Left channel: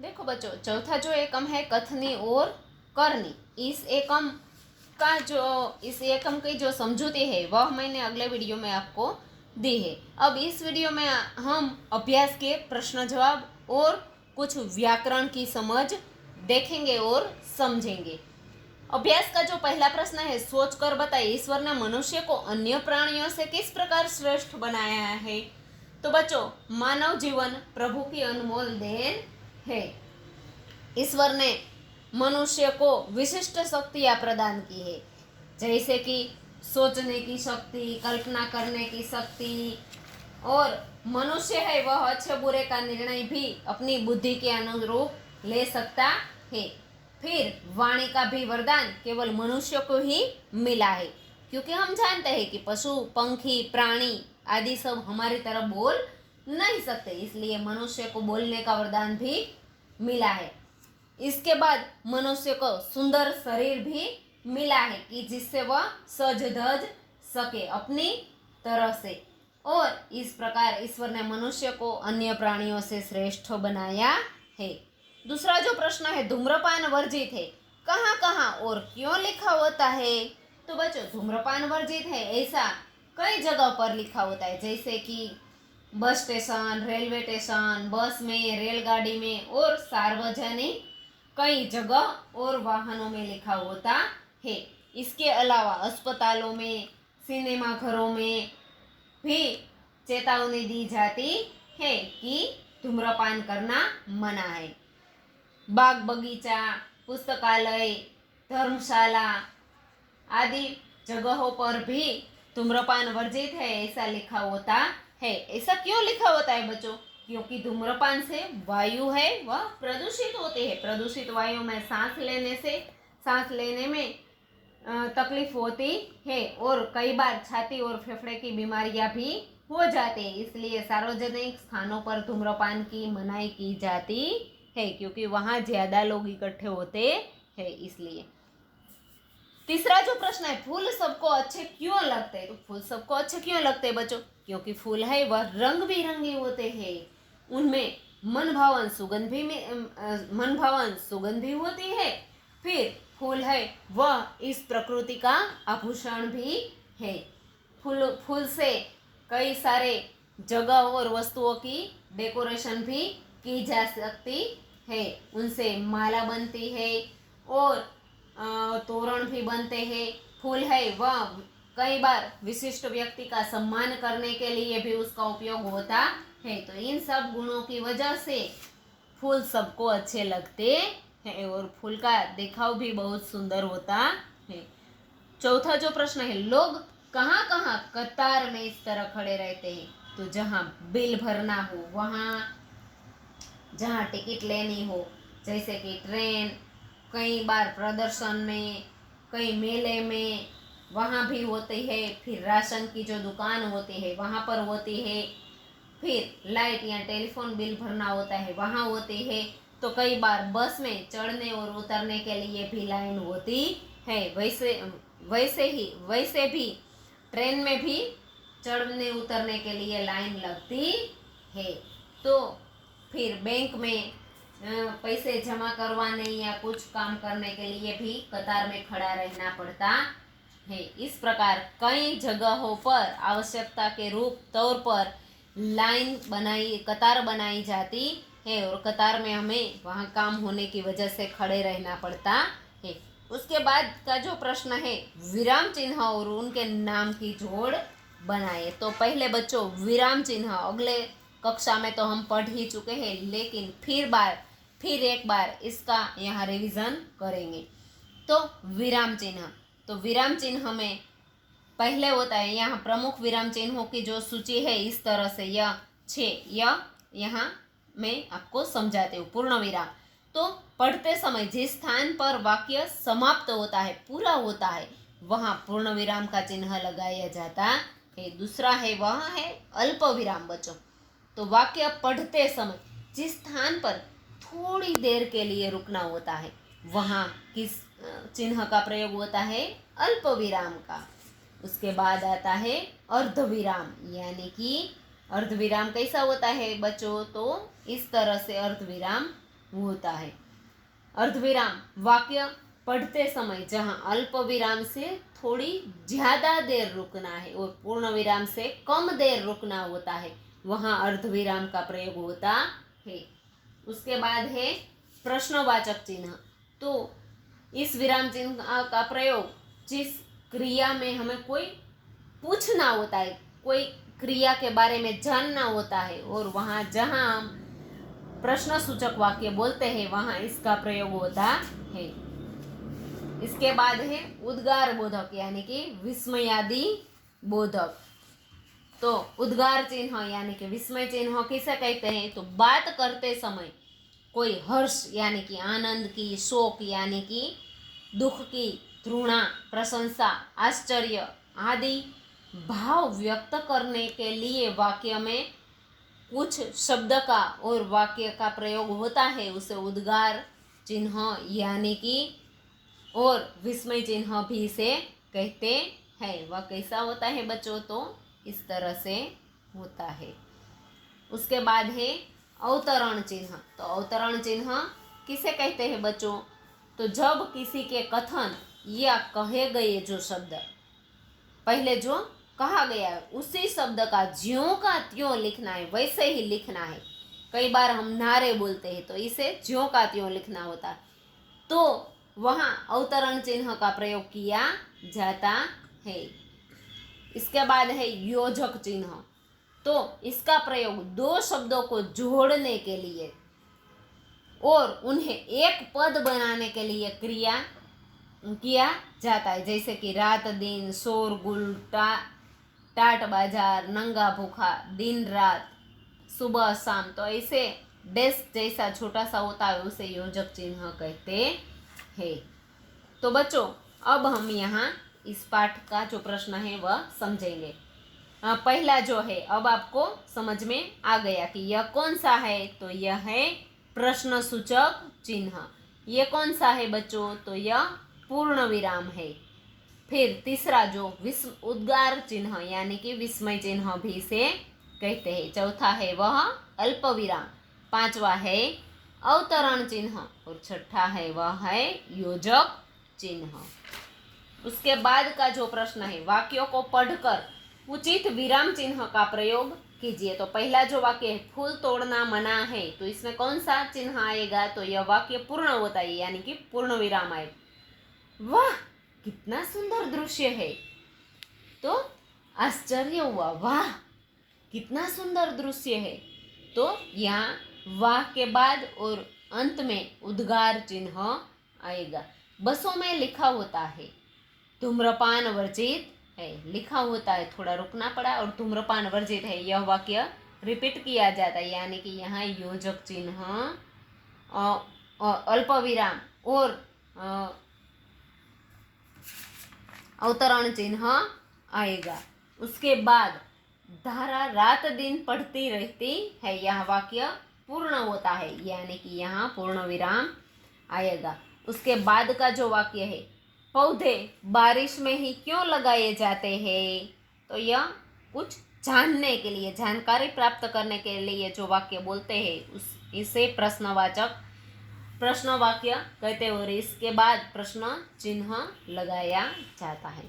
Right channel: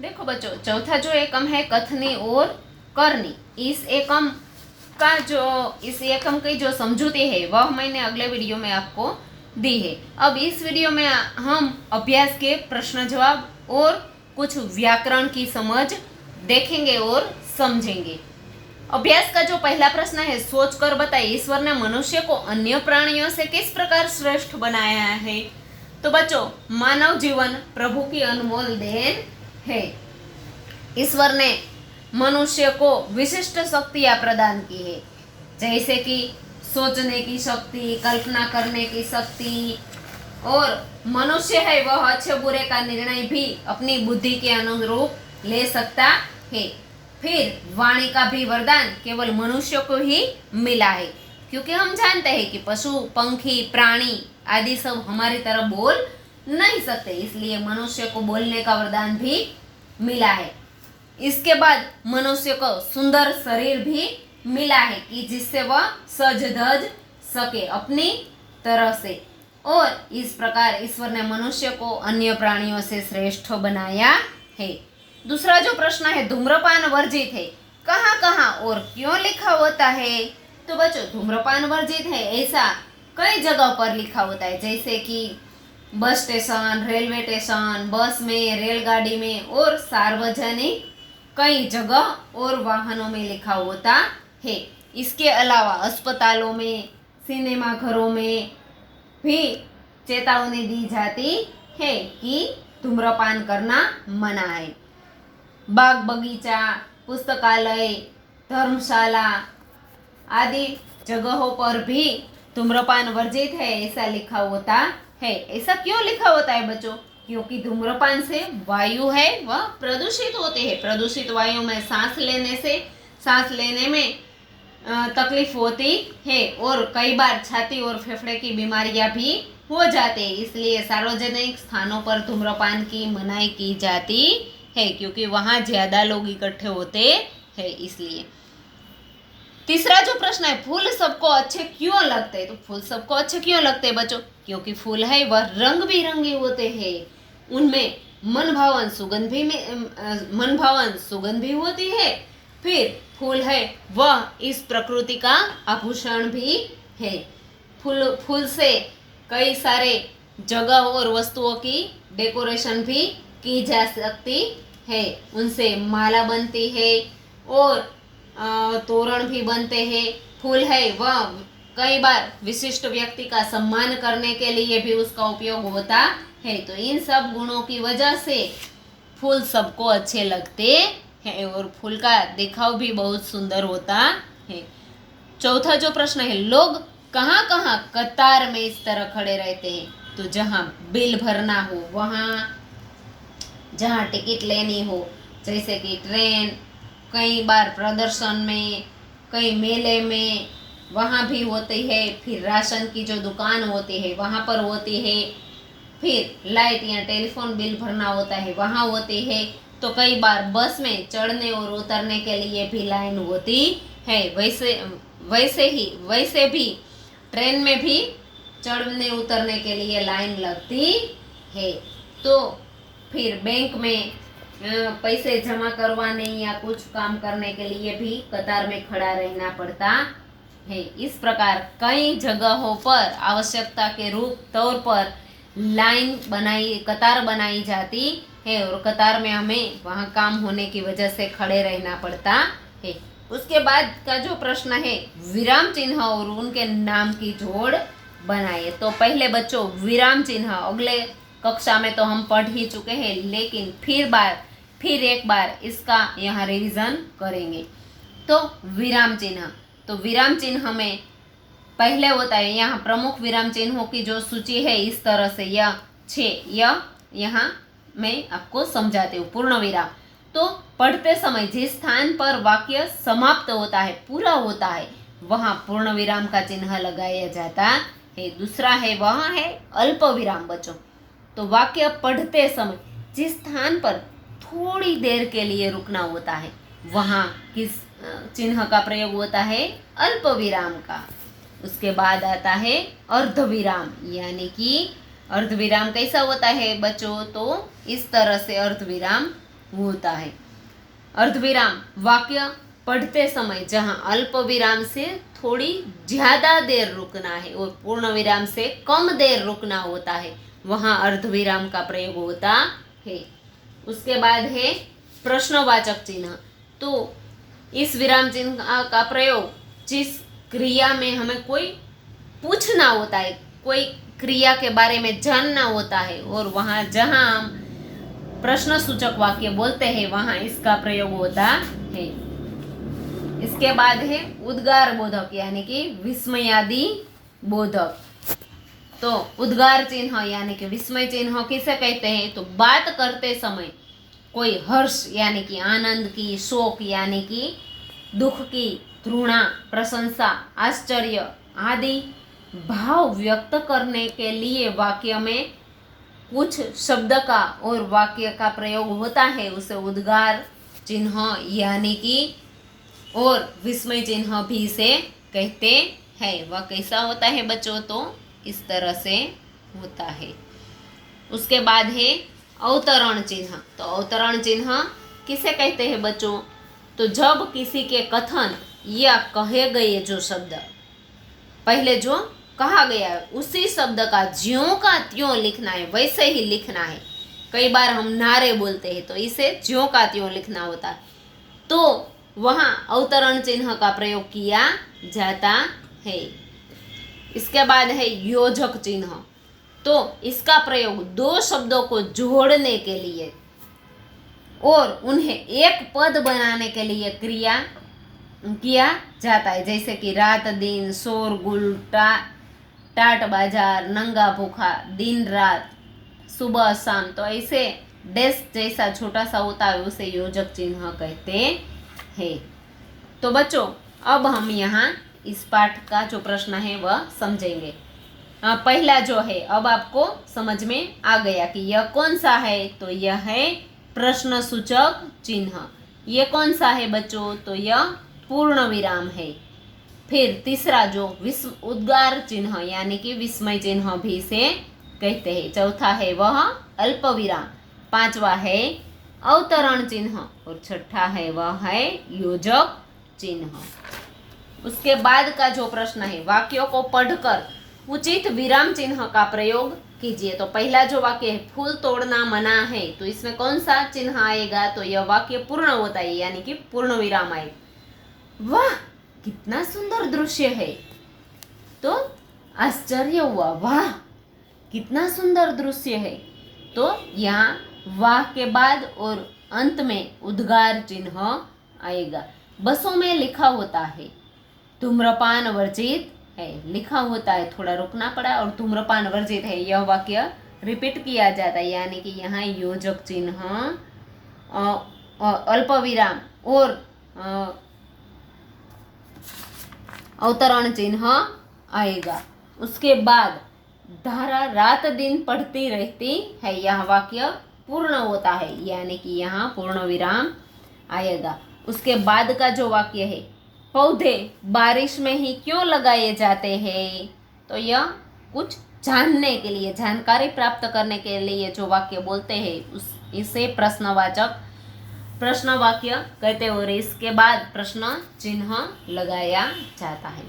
देखो बच्चों, चौथा जो एकम है कथनी और करनी, इस एकम की जो समझूती है वह मैंने अगले वीडियो में आपको दी है। अब इस वीडियो में हम अभ्यास के प्रश्न जवाब और कुछ व्याकरण की समझ देखेंगे और समझेंगे। अभ्यास का जो पहला प्रश्न है, सोच कर बताइए ईश्वर ने मनुष्य को अन्य प्राणियों से किस प्रकार श्रेष्ठ बनाया है। तो बच्चों, मानव जीवन प्रभु की अनमोल देन है। ईश्वर ने मनुष्य को विशिष्ट शक्तियां प्रदान की है, जैसे कि सोचने की शक्ति, कल्पना करने की शक्ति, और मनुष्य है वह अच्छे बुरे का निर्णय भी अपनी बुद्धि के अनुरूप ले सकता है। फिर वाणी का भी वरदान केवल मनुष्य को ही मिला है, क्योंकि हम जानते हैं कि पशु, पंखी, प्राणी आदि सब हमारी तरह बोल नहीं सकते, इसलिए मनुष्य को बोलने का वरदान भी मिला है। इसके बाद मनुष्य को सुंदर शरीर भी मिला है कि जिससे वह सज धज सके अपनी तरह से, और इस प्रकार ईश्वर ने मनुष्य को अन्य प्राणियों से श्रेष्ठ बनाया है। दूसरा जो प्रश्न है, धूम्रपान वर्जित है, कहाँ कहाँ और क्यों लिखा होता है। तो बच्चों, धूम्रपान वर्जित है ऐसा कई जगह पर लिखा होता है, जैसे कि बस स्टेशन, रेलवे स्टेशन, बस में, रेलगाड़ी में और सार्वजनिक कई जगह और वाहनों में लिखा होता है। इसके अलावा अस्पतालों में, सिनेमा घरों में भी चेतावनी दी जाती है कि धूम्रपान करना मना है। बाग बगीचा, पुस्तकालय, धर्मशाला आदि जगहों पर भी धूम्रपान वर्जित है ऐसा लिखा होता है। ऐसा क्यों लिखा होता है बच्चों? क्योंकि धूम्रपान से वायु है वह प्रदूषित होते हैं। प्रदूषित वायु में सांस लेने में तकलीफ होती है, और कई बार छाती और फेफड़े की बीमारियां भी हो जाते हैं। इसलिए सार्वजनिक स्थानों पर धूम्रपान की मनाही की जाती है, क्योंकि वहां ज्यादा लोग इकट्ठे होते हैं इसलिए। तीसरा जो प्रश्न है, फूल सबको अच्छे क्यों लगते हैं। तो फूल सबको अच्छे क्यों लगते हैं बच्चों? क्योंकि फूल है वह रंग बिरंगे होते हैं, उनमें मनभावन सुगंध भी होती है। फिर फूल है वह इस प्रकृति का आभूषण भी है। फूल से कई सारे जगह और वस्तुओं की डेकोरेशन भी की जा सकती है। उनसे माला बनती है और तोरण भी बनते हैं। फूल है वह कई बार विशिष्ट व्यक्ति का सम्मान करने के लिए भी उसका उपयोग होता है। तो इन सब गुणों की वजह से फूल सबको अच्छे लगते हैं, और फूल का दिखाव भी बहुत सुंदर होता है। चौथा जो प्रश्न है, लोग कहाँ कहाँ कतार में इस तरह खड़े रहते हैं। तो जहाँ बिल भरना हो वहाँ, जहाँ टिकट लेनी हो, जैसे कि ट्रेन, कई बार प्रदर्शन में, कई मेले में वहाँ भी होती है। फिर राशन की जो दुकान होती है वहाँ पर होती है। फिर लाइट या टेलीफोन बिल भरना होता है वहाँ होती है। तो कई बार बस में चढ़ने और उतरने के लिए भी लाइन होती है। वैसे भी ट्रेन में भी चढ़ने उतरने के लिए लाइन लगती है। तो फिर बैंक में पैसे जमा करवाने या कुछ काम करने के लिए भी कतार में खड़ा रहना पड़ता है। इस प्रकार कई जगहों पर आवश्यकता के रूप तौर पर कतार बनाई जाती है, और कतार में हमें वहाँ काम होने की वजह से खड़े रहना पड़ता है। उसके बाद का जो प्रश्न है, विराम चिन्ह और उनके नाम की जोड़ बनाए। तो पहले बच्चों, विराम चिन्ह अगले कक्षा में तो हम पढ़ ही चुके हैं, लेकिन फिर एक बार इसका यहाँ रिवीजन करेंगे। तो विराम चिन्ह में पहले होता है, यहाँ प्रमुख विराम चिन्हों की जो सूची है इस तरह से, यह यहाँ मैं आपको समझाती हूँ। पूर्ण विराम, तो पढ़ते समय जिस स्थान पर वाक्य समाप्त होता है, पूरा होता है, वहाँ पूर्ण विराम का चिन्ह लगाया जाता है। दूसरा है वहाँ है अल्प विराम बच्चों। तो वाक्य पढ़ते समय जिस स्थान पर थोड़ी देर के लिए रुकना होता है, वहाँ किस चिन्ह का प्रयोग होता है? अल्प विराम का। उसके बाद आता है अर्ध विराम, यानी कि अर्ध विराम कैसा होता है बच्चों? तो इस तरह से अर्ध विराम होता है। अर्धविराम वाक्य पढ़ते समय जहां अल्प विराम से थोड़ी ज्यादा देर रुकना है और पूर्ण विराम से कम देर रुकना होता है, वहां अर्धविराम का प्रयोग होता है। उसके बाद है प्रश्नवाचक चिन्ह। तो इस विराम चिन्ह का प्रयोग जिस क्रिया में हमें कोई पूछना होता है, कोई क्रिया के बारे में जानना होता है, और वहां जहां हम प्रश्न सूचक वाक्य बोलते हैं वहां इसका प्रयोग होता है। इसके बाद है उद्गार बोधक यानी कि विस्मयादि बोधक। तो उद्गार चिन्ह यानी कि विस्मय चिन्ह किसे कहते हैं? तो बात करते समय कोई हर्ष यानी कि आनंद की, शोक यानी कि दुख की, घृणा, प्रशंसा, आश्चर्य आदि भाव व्यक्त करने के लिए वाक्य में कुछ शब्द का और वाक्य का प्रयोग होता है, उसे उद्गार चिन्ह यानी कि और विस्मय चिन्ह भी से कहते हैं। वह कैसा होता है बच्चों? तो इस तरह से होता है। उसके बाद है अवतरण चिन्ह। तो अवतरण चिन्ह किसे कहते हैं बच्चों? तो जब किसी के कथन या कहे गए जो शब्द पहले जो कहा गया है उसी शब्द का ज्यों का त्यों लिखना है, वैसे ही लिखना है। कई बार हम नारे बोलते हैं तो इसे ज्यों का त्यों लिखना होता है, तो वहां अवतरण चिन्ह का प्रयोग किया जाता है। इसके बाद है योजक चिन्ह। तो इसका प्रयोग दो शब्दों को जोड़ने के लिए और उन्हें एक पद बनाने के लिए क्रिया किया जाता है, जैसे कि रात दिन, शोरगुल, टाट बाजार, नंगा भूखा, दिन रात, सुबह शाम। तो ऐसे डैश जैसा छोटा सा होता है उसे योजक चिन्ह कहते हैं। तो बच्चों अब हम यहाँ इस पाठ का जो प्रश्न है वह समझेंगे। पहला जो है अब आपको समझ में आ गया कि यह कौन सा है? तो यह है प्रश्न सूचक चिन्ह। ये कौन सा है बच्चों? तो यह पूर्ण विराम है। फिर तीसरा जो उद्गार चिन्ह यानी कि विस्मय चिन्ह भी से कहते हैं। चौथा है वह अल्प विराम। पांचवा है अवतरण चिन्ह और छठा है वह है योजक चिन्ह। उसके बाद का जो प्रश्न है, वाक्यों को पढ़कर उचित विराम चिन्ह का प्रयोग कीजिए। तो पहला जो वाक्य है फूल तोड़ना मना है, तो इसमें कौन सा चिन्ह आएगा? तो यह वाक्य पूर्ण होता है यानी कि पूर्ण विराम आएगा। वाह कितना सुंदर दृश्य है, तो आश्चर्य हुआ, वाह कितना सुंदर दृश्य है। तो यहाँ वाह के बाद और अंत में उद्गार चिन्ह आएगा। बसों में लिखा होता है धूम्रपान वर्जित है, लिखा होता है, थोड़ा रुकना पड़ा, और धूम्रपान वर्जित है यह वाक्य रिपीट किया जाता है यानी कि यहाँ योजक चिन्ह, अल्प विराम और अवतरण चिन्ह आएगा। उसके बाद धारा रात दिन पढ़ती रहती है, यह वाक्य पूर्ण होता है यानी कि यहाँ पूर्ण विराम आएगा। उसके बाद का जो वाक्य है पौधे बारिश में ही क्यों लगाए जाते हैं, तो यह कुछ जानने के लिए, जानकारी प्राप्त करने के लिए जो वाक्य बोलते हैं इसे प्रश्न वाक्य कहते हैं और इसके बाद प्रश्न चिन्ह लगाया जाता है।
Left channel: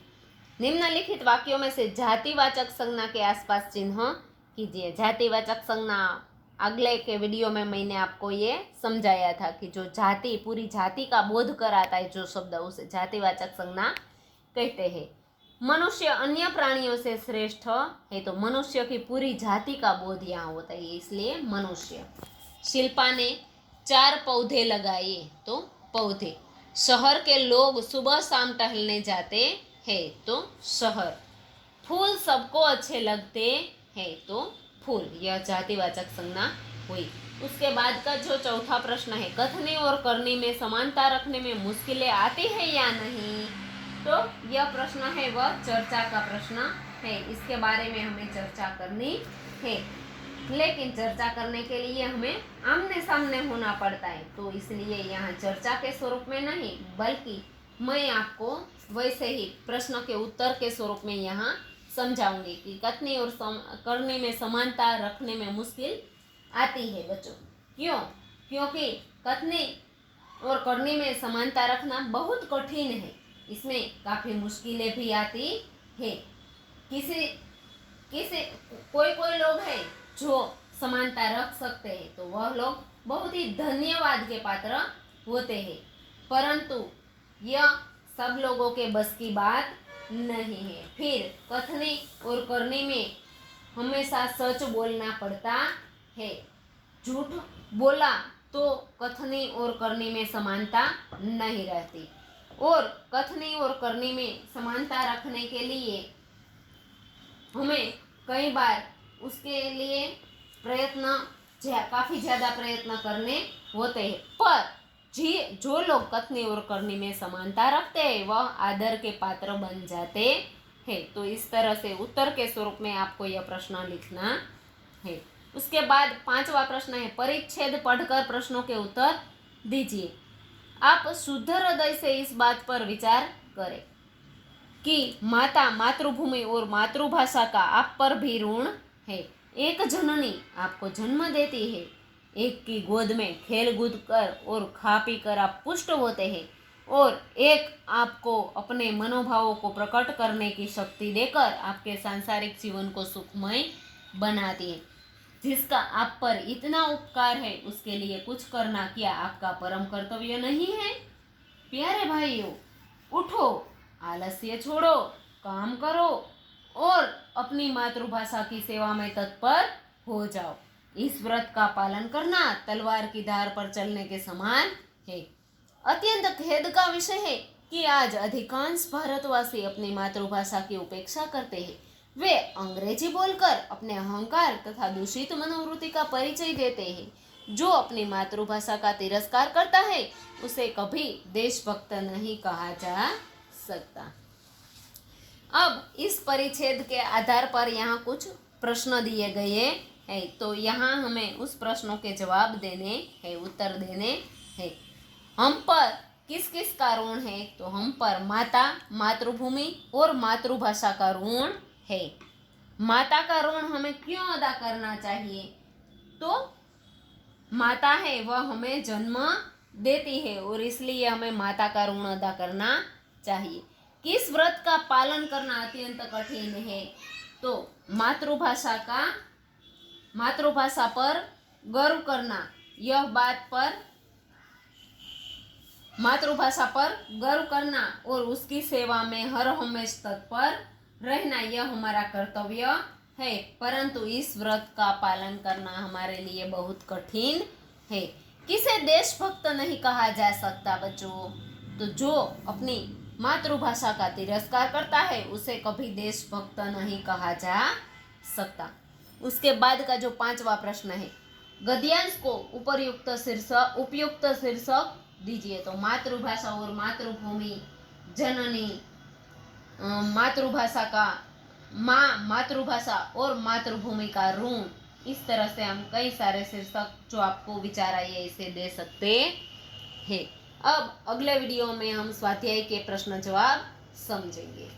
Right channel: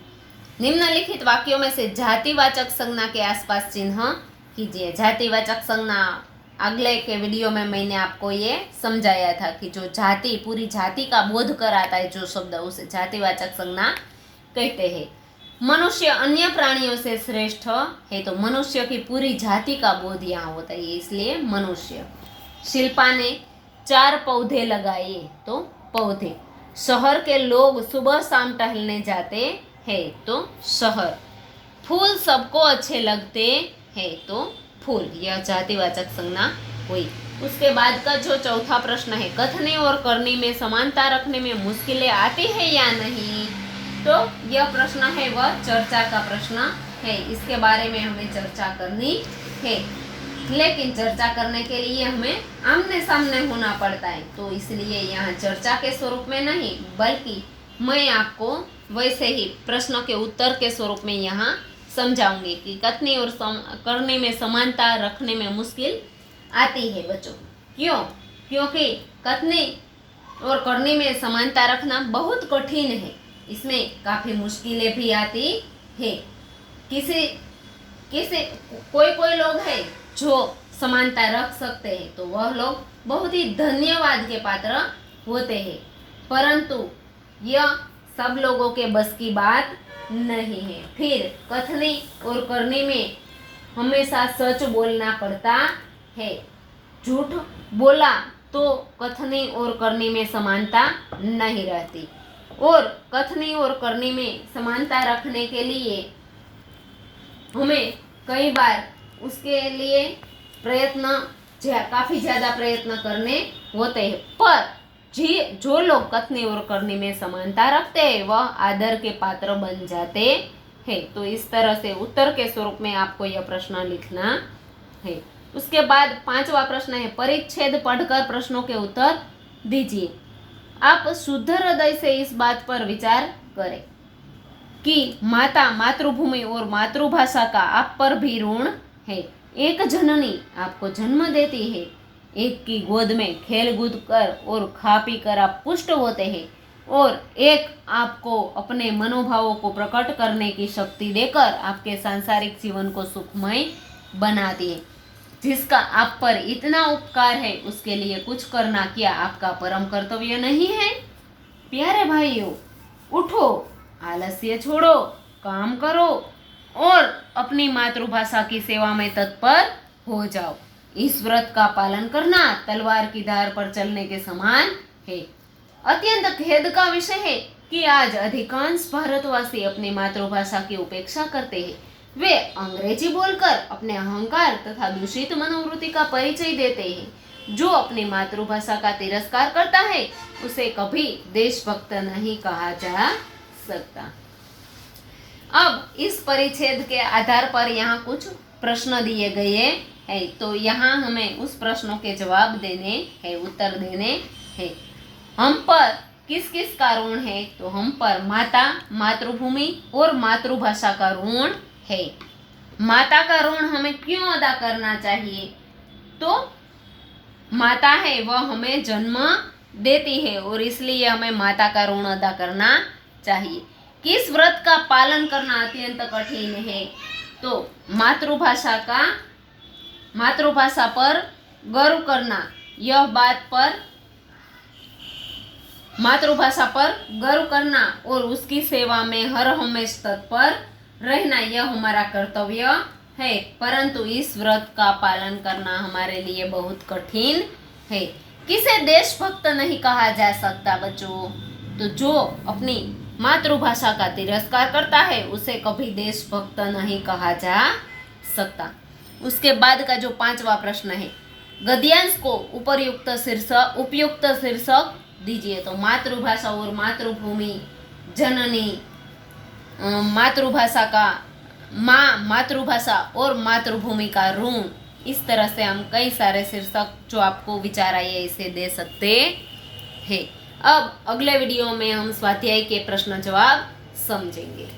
निम्नलिखित वाक्यों में से जातिवाचक संज्ञा के आसपास चिन्ह कीजिए। जातिवाचक संज्ञा अगले के वीडियो में मैंने आपको ये समझाया था कि जो जाति, पूरी जाति का बोध कराता है जो शब्द, उसे जातिवाचक संज्ञा कहते हैं। मनुष्य अन्य प्राणियों से श्रेष्ठ है, तो मनुष्य की पूरी जाति का बोध यहाँ होता है, इसलिए मनुष्य। शिल्पा ने 4 पौधे लगाए, तो पौधे। शहर के लोग सुबह शाम टहलने जाते हैं, तो शहर। फूल सबको अच्छे लगते हैं, तो फूल। यह जातिवाचक संज्ञा हुई। उसके बाद का जो चौथा प्रश्न है, कथने और करने में समानता रखने में मुश्किलें आती है या नहीं, तो यह प्रश्न है वह चर्चा का प्रश्न है। इसके बारे में हमें चर्चा करनी है, लेकिन चर्चा करने के लिए हमें आमने सामने होना पड़ता है, तो इसलिए यहाँ चर्चा के स्वरूप में नहीं बल्कि मैं आपको वैसे ही प्रश्नों के उत्तर के स्वरूप में यहाँ समझाऊंगी कि कथने और करने में समानता रखने में मुश्किल आती है बच्चों। क्यों? क्योंकि कथनी और करनी में समानता रखना बहुत कठिन है। इसमें काफी मुश्किलें भी आती है। किसी किसी कोई कोई लोग हैं जो समानता रख सकते हैं, तो वह लोग बहुत ही धन्यवाद के पात्र होते हैं, परंतु यह सब लोगों के बस की बात नहीं है। फिर कथनी और करनी में हमेशा सच बोलना पड़ता है। झूठ बोला तो कथनी और करनी में समानता नहीं रहती, और कथनी और करनी में समानता रखने के लिए हमें कई बार उसके लिए काफी ज्यादा प्रयत्न करने होते हैं। पर जो लोग कथनी और करनी में समानता रखते हैं वह आदर के पात्र बन जाते हैं। तो इस तरह से उत्तर के स्वरूप में आपको यह प्रश्न लिखना है। उसके बाद 5वां प्रश्न है, परिच्छेद पढ़कर प्रश्नों के उत्तर दीजिए। आप शुद्ध हृदय से इस बात पर विचार करें कि माता, मातृभूमि और मातृभाषा का आप पर भी ऋण है। एक जननी आपको जन्म देती है, एक की गोद में खेल कूद कर और खा पी कर आप पुष्ट होते हैं, और एक आपको अपने मनोभावों को प्रकट करने की शक्ति देकर आपके सांसारिक जीवन को सुखमय बनाती है। जिसका आप पर इतना उपकार है उसके लिए कुछ करना क्या आपका परम कर्तव्य नहीं है? प्यारे भाइयों, उठो, आलस्य छोड़ो, काम करो और अपनी मातृभाषा की सेवा में तत्पर हो जाओ। इस व्रत का पालन करना तलवार की धार पर चलने के समान है। अत्यंत खेद का विषय है कि आज अधिकांश भारतवासी अपनी मातृभाषा की उपेक्षा करते हैं। वे अंग्रेजी बोलकर अपने अहंकार तथा दूषित मनोवृत्ति का परिचय देते हैं। जो अपनी मातृभाषा का तिरस्कार करता है उसे कभी देशभक्त नहीं कहा जा सकता। अब इस परिच्छेद के आधार पर यहाँ कुछ प्रश्न दिए गए हैं, तो यहाँ हमें उस प्रश्नों के जवाब देने हैं, उत्तर देने हैं। हम पर किस किस का ऋण है? तो हम पर माता, मातृभूमि और मातृभाषा का ऋण है। माता का ऋण हमें क्यों अदा करना चाहिए? तो माता है वह हमें जन्म देती है और इसलिए हमें माता का ऋण अदा करना चाहिए। किस व्रत का पालन करना अत्यंत कठिन है? तो मातृभाषा पर गर्व करना, यह बात पर मातृभाषा पर गर्व करना और उसकी सेवा में हर हमेश तत्पर रहना, यह हमारा कर्तव्य है। परंतु इस व्रत का पालन करना हमारे लिए बहुत कठिन है। किसे देशभक्त नहीं कहा जा सकता बच्चों? तो जो अपनी मातृभाषा का तिरस्कार करता है उसे कभी देशभक्त नहीं कहा जा सकता। उसके बाद का जो 5वां प्रश्न है, गद्यांश को उपयुक्त शीर्षक दीजिए। तो मातृभाषा और मातृभूमि, जननी, मातृभाषा का माँ, मातृभाषा और मातृभूमि का ऋण, इस तरह से हम कई सारे शीर्षक जो आपको विचार आए इसे दे सकते हैं। अब अगले वीडियो में हम स्वाध्याय के प्रश्न जवाब समझेंगे।